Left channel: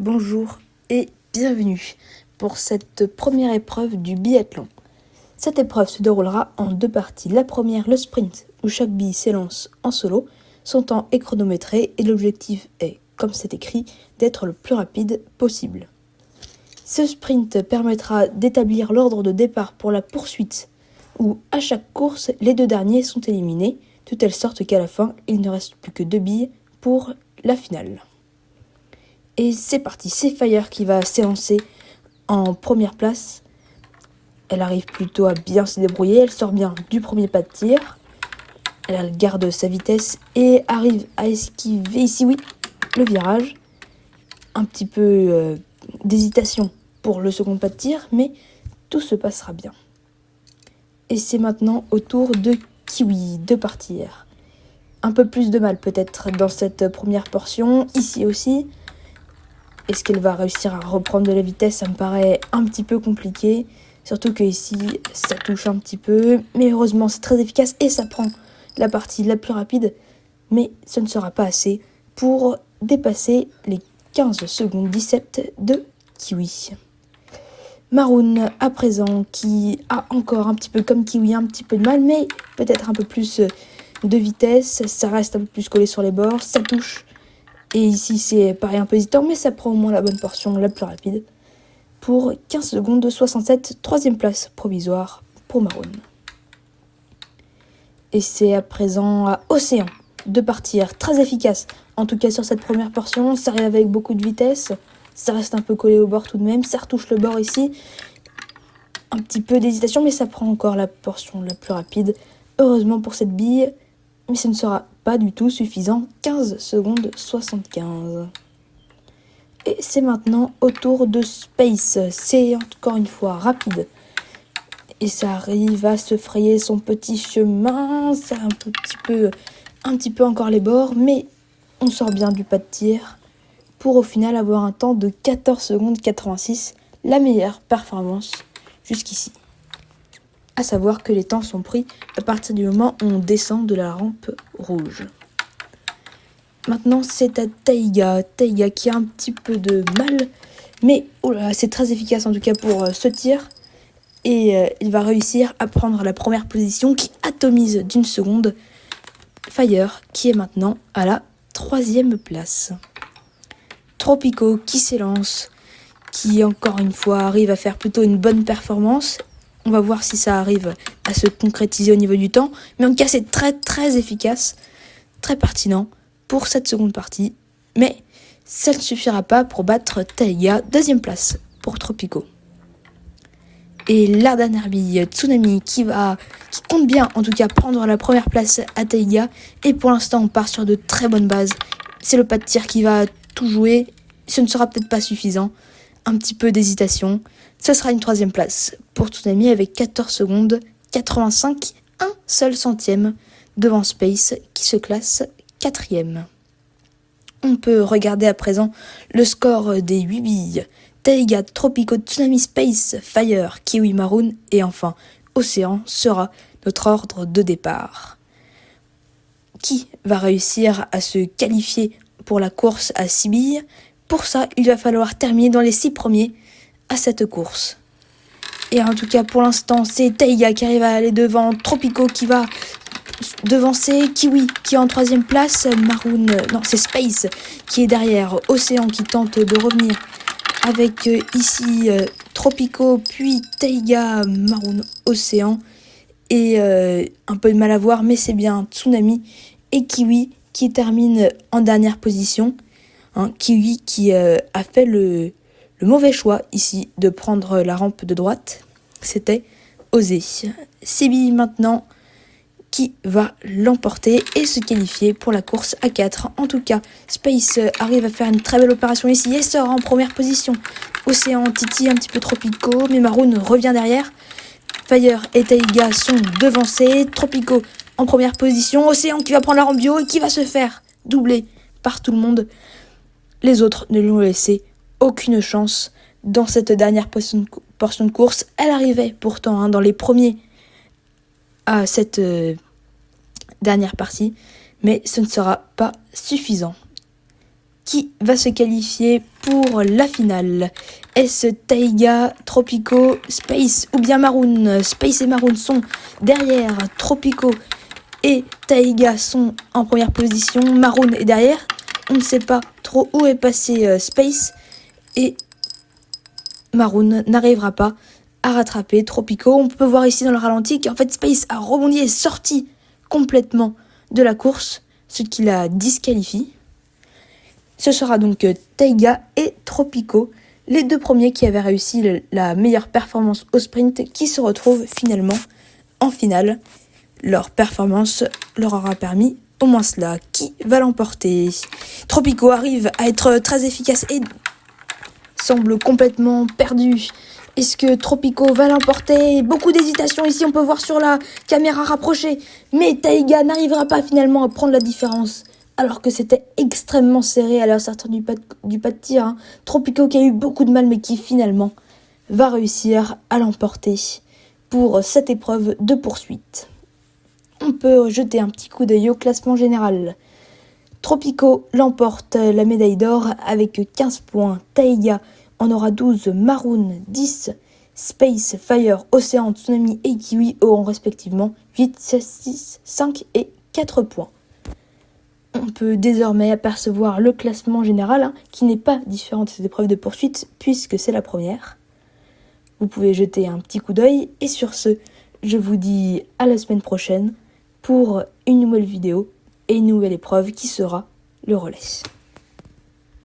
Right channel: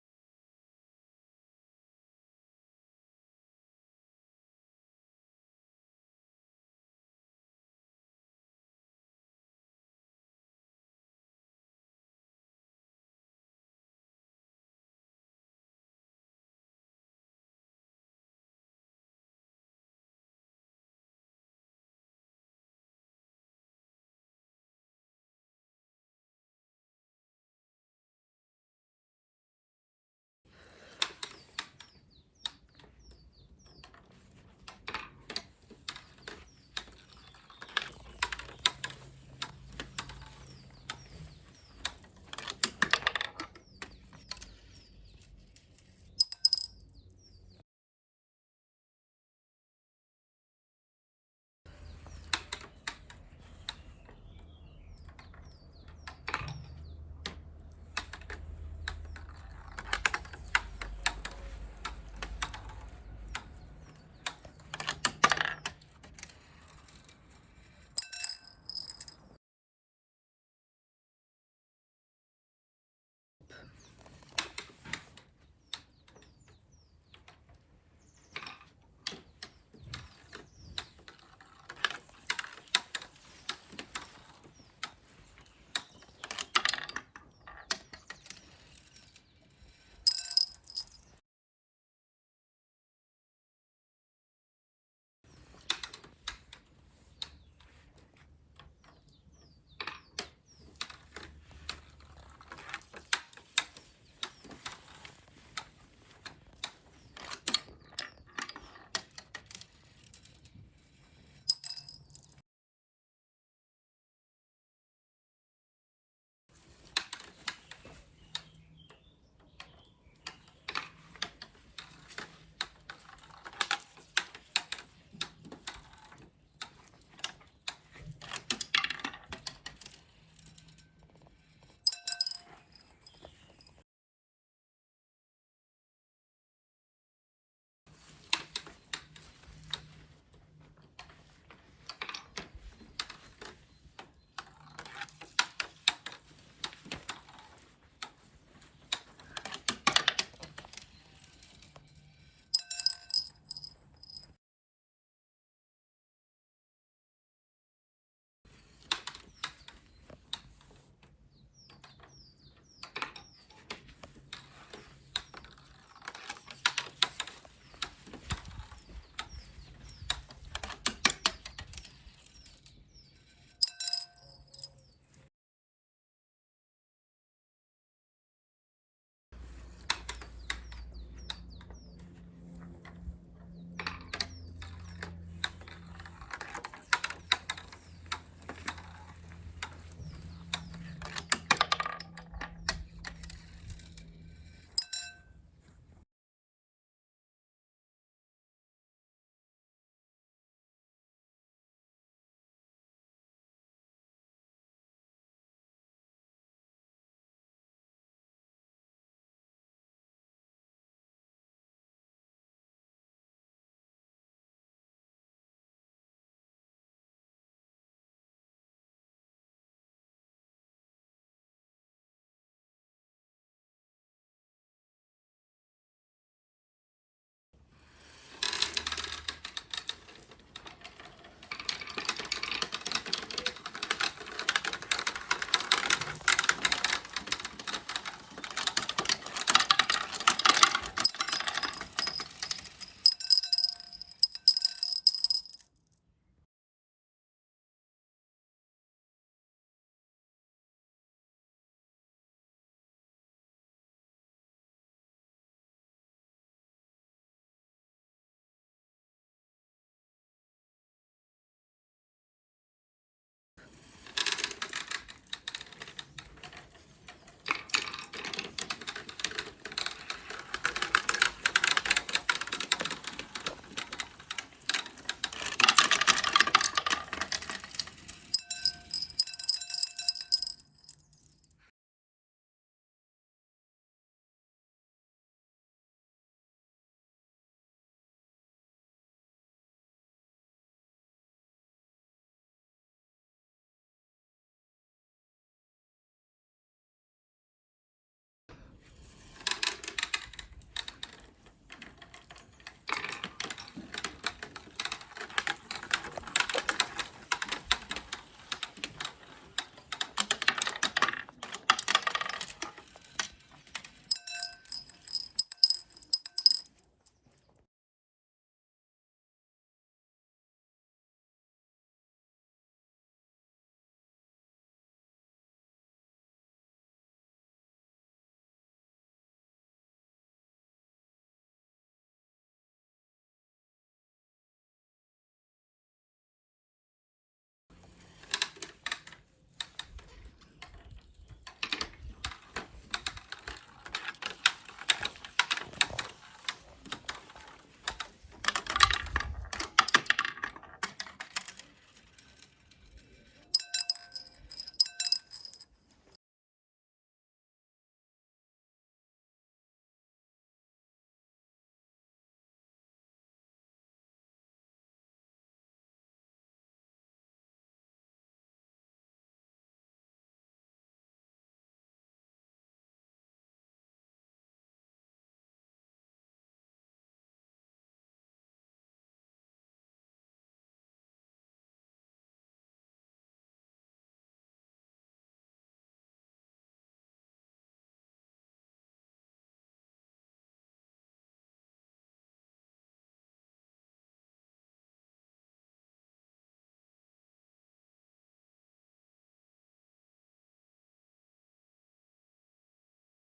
Bonjour et bienvenue pour cette première épreuve du biathlon. Cette épreuve se déroulera en deux parties. La première, le sprint, où chaque bille s'élance en solo. Son temps est chronométré et l'objectif est, comme c'est écrit, d'être le plus rapide possible. Ce sprint permettra d'établir l'ordre de départ pour la poursuite, où à chaque course, les deux derniers sont éliminés, de telle sorte qu'à la fin, il ne reste plus que 2 billes pour la finale. Et c'est parti, c'est Fire qui va s'élancer en première place. Elle arrive plutôt à bien se débrouiller, elle sort bien du premier pas de tir. Elle garde sa vitesse et arrive à esquiver ici, oui, le virage. Un petit peu d'hésitation pour le second pas de tir, mais tout se passera bien. Et c'est maintenant au tour de Kiwi de partir. Un peu plus de mal peut-être dans cette première portion, ici aussi. Est-ce qu'elle va réussir à reprendre de la vitesse? Ça me paraît un petit peu compliqué. Surtout que ici, ça touche un petit peu. Mais heureusement, c'est très efficace et ça prend la partie la plus rapide. Mais ce ne sera pas assez pour dépasser les 15 secondes 17 de Kiwi. Maroon, à présent, qui a encore un petit peu comme Kiwi, un petit peu de mal, mais peut-être un peu plus de vitesse. Ça reste un peu plus collé sur les bords, ça touche. Et ici, c'est pareil, un peu hésitant, mais ça prend au moins la bonne portion, la plus rapide. Pour 15 secondes de 67, troisième place provisoire pour Maroon. Et c'est à présent à Océan de partir, très efficace. En tout cas sur cette première portion, ça arrive avec beaucoup de vitesse. Ça reste un peu collé au bord tout de même, ça retouche le bord ici. Un petit peu d'hésitation, mais ça prend encore la portion la plus rapide. Heureusement pour cette bille, mais ce ne sera pas du tout suffisant. 15 secondes 75. Et c'est maintenant au tour de Space. C'est encore une fois rapide. Et ça arrive à se frayer son petit chemin. Ça un petit peu encore les bords. Mais on sort bien du pas de tir. Pour au final avoir un temps de 14 secondes 86. La meilleure performance jusqu'ici. À savoir que les temps sont pris à partir du moment où on descend de la rampe rouge. Maintenant, c'est à Taiga. Taiga qui a un petit peu de mal. Mais c'est très efficace en tout cas pour ce tir. Et il va réussir à prendre la première position qui atomise d'une seconde Fire qui est maintenant à la troisième place. Tropico qui s'élance. Qui encore une fois arrive à faire plutôt une bonne performance. On va voir si ça arrive à se concrétiser au niveau du temps. Mais en tout cas, c'est très très efficace. Très pertinent pour cette seconde partie, mais ça ne suffira pas pour battre Taiga, deuxième place pour Tropico. Et la dernière bille, Tsunami, qui compte bien en tout cas prendre la première place à Taiga, et pour l'instant on part sur de très bonnes bases. C'est le pas de tir qui va tout jouer, ce ne sera peut-être pas suffisant, un petit peu d'hésitation, ce sera une troisième place pour Tsunami avec 14 secondes 85, un seul centième devant Space qui se classe 4e. On peut regarder à présent le score des 8 billes. Taiga, Tropico, Tsunami, Space, Fire, Kiwi, Maroon et enfin Océan sera notre ordre de départ. Qui va réussir à se qualifier pour la course à 6 billes? Pour ça, il va falloir terminer dans les 6 premiers à cette course. Et en tout cas, pour l'instant, c'est Taiga qui arrive à aller devant Tropico qui va devancer Kiwi qui est en troisième place, c'est Space qui est derrière, Océan qui tente de revenir avec ici Tropico, puis Taiga, Maroon, Océan et un peu de mal à voir, mais c'est bien Tsunami et Kiwi qui termine en dernière position. Kiwi qui a fait le mauvais choix ici de prendre la rampe de droite, c'était osé. Sibi maintenant qui va l'emporter et se qualifier pour la course à 4. En tout cas, Space arrive à faire une très belle opération ici et sort en première position. Océan titille un petit peu Tropico, mais Maroon revient derrière. Fire et Taiga sont devancés. Tropico en première position. Océan qui va prendre la rampe bio et qui va se faire doubler par tout le monde. Les autres ne lui ont laissé aucune chance dans cette dernière portion de course. Elle arrivait pourtant dans les premiers à cette dernière partie, mais ce ne sera pas suffisant. qui va se qualifier pour la finale. Est-ce Taiga, Tropico, Space ou bien Maroon? Space et Maroon sont derrière, Tropico et Taiga sont en première position, Maroon est derrière. On ne sait pas trop où est passé Space et Maroon n'arrivera pas à rattraper Tropico. On peut voir ici dans le ralenti qu'en fait Space a rebondi et est sorti complètement de la course, ce qui la disqualifie. Ce sera donc Taiga et Tropico, les deux premiers qui avaient réussi la meilleure performance au sprint, qui se retrouvent finalement en finale. Leur performance leur aura permis au moins cela. Qui va l'emporter? Tropico arrive à être très efficace et semble complètement perdu. Est-ce que Tropico va l'emporter? Beaucoup d'hésitation ici, on peut voir sur la caméra rapprochée. Mais Taiga n'arrivera pas finalement à prendre la différence, alors que c'était extrêmement serré à la sortie du pas de tir. Tropico qui a eu beaucoup de mal, mais qui finalement va réussir à l'emporter pour cette épreuve de poursuite. On peut jeter un petit coup d'œil au classement général. Tropico l'emporte la médaille d'or avec 15 points. Taiga en aura 12, Maroon 10, Space, Fire, Océan, Tsunami et Kiwi auront respectivement 8, 6, 5 et 4 points. On peut désormais apercevoir le classement général qui n'est pas différent de cette épreuve de poursuite puisque c'est la première. Vous pouvez jeter un petit coup d'œil et sur ce, je vous dis à la semaine prochaine pour une nouvelle vidéo et une nouvelle épreuve qui sera le relais.